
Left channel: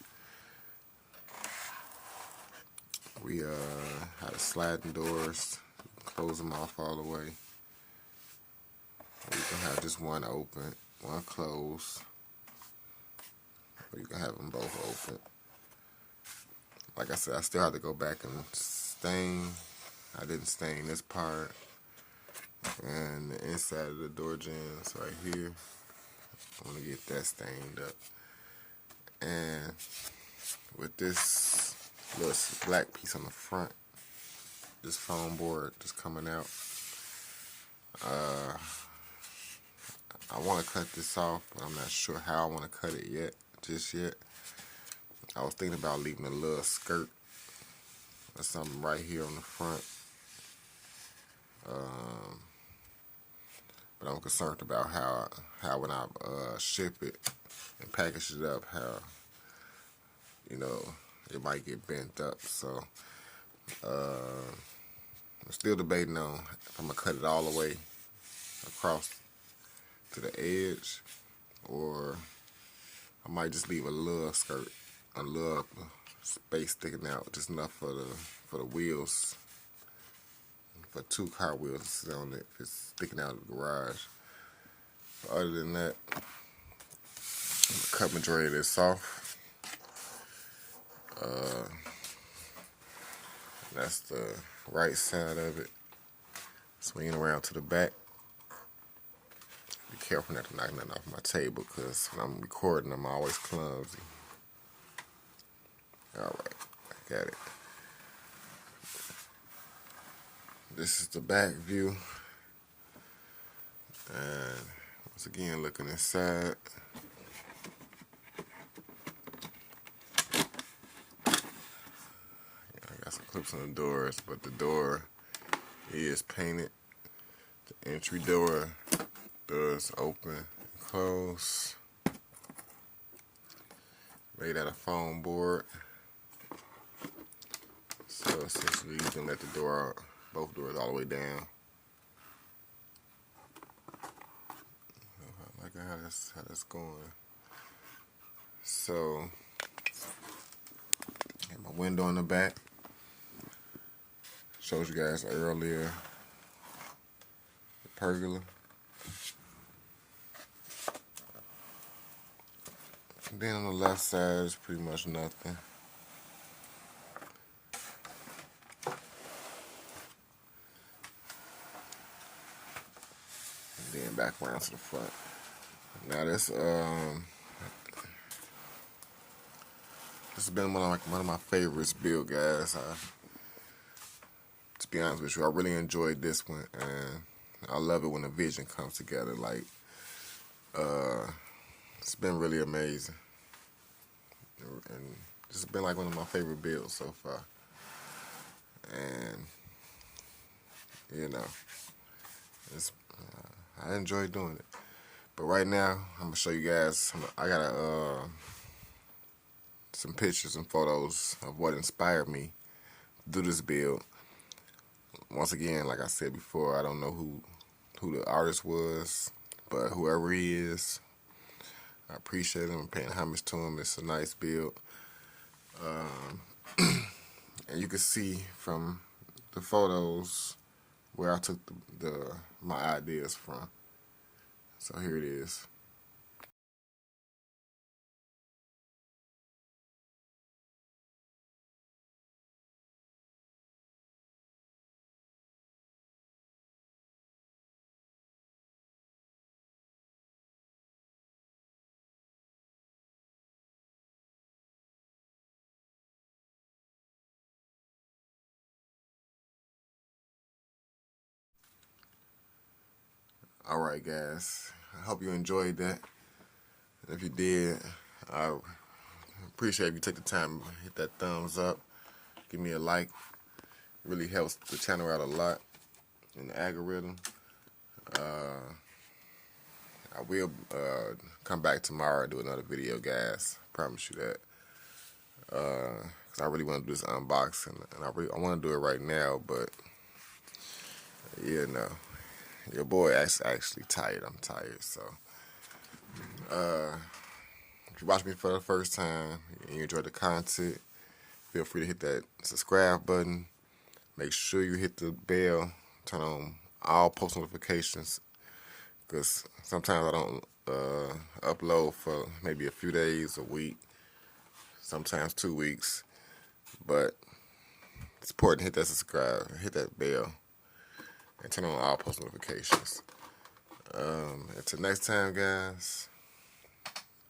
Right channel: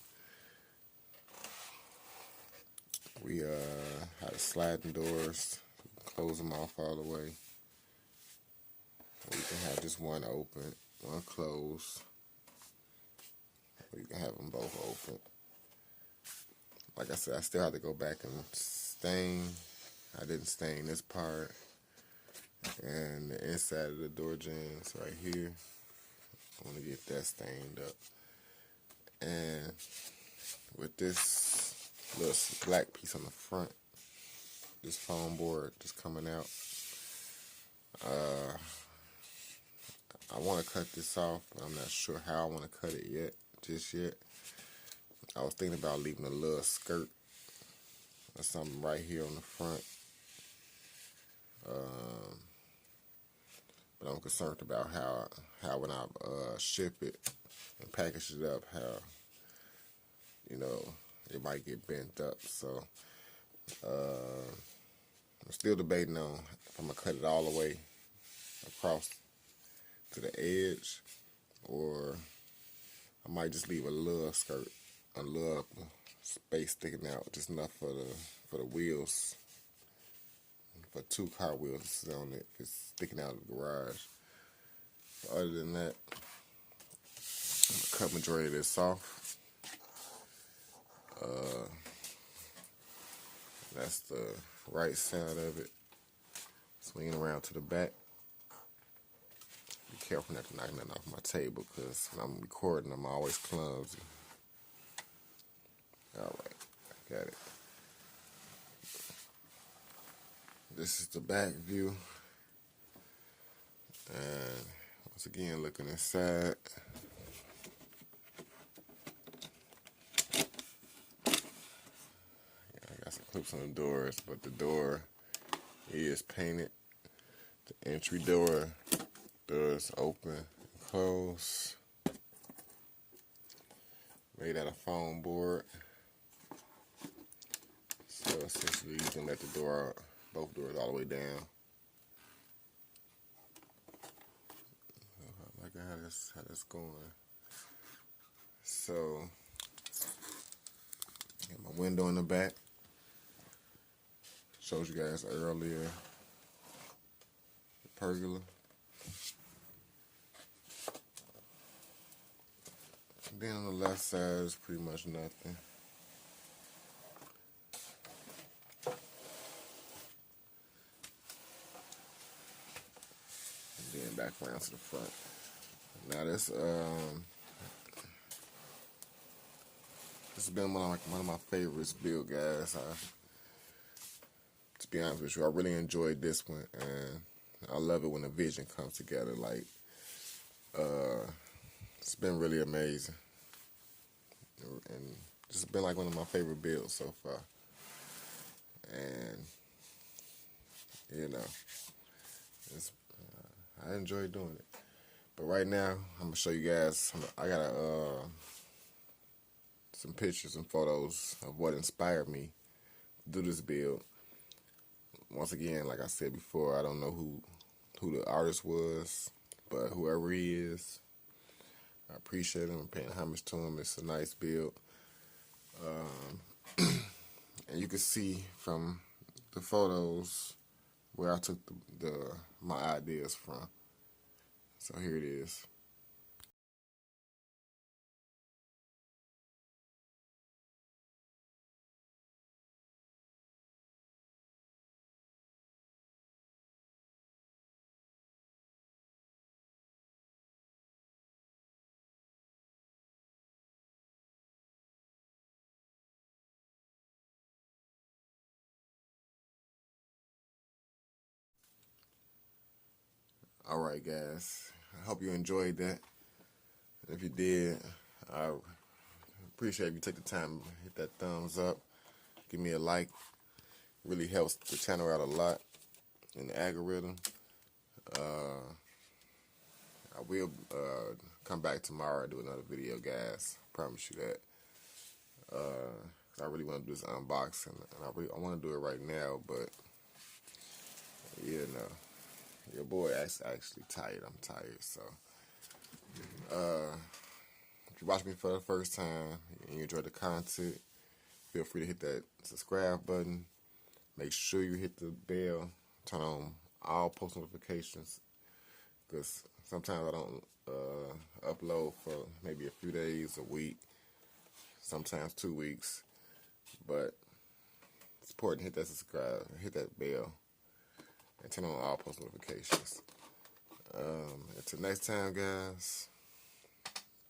We had the sliding doors, close them off all the way. You can have just one open, one closed. Or you can have them both open. Like I said, I still have to go back and stain. I didn't stain this part. And the inside of the door jambs right here. I want to get that stained up. And with this little black piece on the front, this foam board just coming out, I want to cut this off, but I'm not sure how I want to cut it just yet. I was thinking about leaving a little skirt or something right here on the front. But I'm concerned about how when I ship it and package it up, how, you know, it might get bent up. So I'm still debating on if I'm going to cut it all the way across to the edge, or I might just leave a little skirt, a little space sticking out, just enough for the wheels, for 2 car wheels to sit on it if it's sticking out of the garage. But other than that, I'm going to cut majority of this off. That's the right side of it. Swinging around to the back. Be careful not to knock nothing off my table, because when I'm recording, I'm always clumsy. Alright, I got it. This is the back view. And once again, looking inside. I got some clips on the doors, but the door is painted. The entry door doors open and close. Made out of foam board. So essentially you can let the door out, both doors all the way down. Look at how that's going. So, got my window in the back. Showed you guys earlier the pergola. And then on the left side is pretty much nothing. And then back around to the front. Now this has been one of my favorites build, guys. To be honest with you, I really enjoyed this one, and I love it when a vision comes together. Like, it's been really amazing, and this has been like one of my favorite builds so far. And you know, it's I enjoy doing it. But right now, I'm gonna show you guys. I got some pictures and photos of what inspired me to do this build. Once again, like I said before, I don't know who the artist was, but whoever he is, I appreciate him. I'm paying homage to him. It's a nice build. And you can see from the photos where I took my ideas from. So here it is. All right, guys. I hope you enjoyed that. And if you did, I appreciate if you take the time to hit that thumbs up. Give me a like. Really helps the channel out a lot in the algorithm. I will come back tomorrow and do another video, guys. Promise you that. Cause I really want to do this unboxing, and I want to do it right now, but yeah, no. Your boy actually tired. I'm tired, so if you watch me for the first time and you enjoy the content, feel free to hit that subscribe button. Make sure you hit the bell, turn on all post notifications, because sometimes I don't upload for maybe a few days, a week, sometimes 2 weeks. But it's important to hit that subscribe, hit that bell, and turn on all post notifications. Until next time, guys,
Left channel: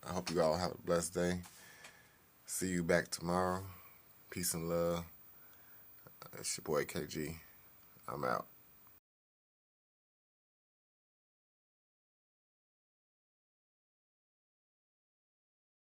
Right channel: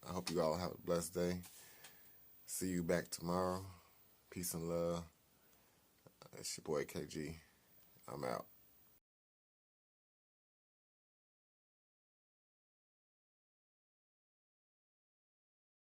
I hope you all have a blessed day. See you back tomorrow. Peace and love. It's your boy KG. I'm out.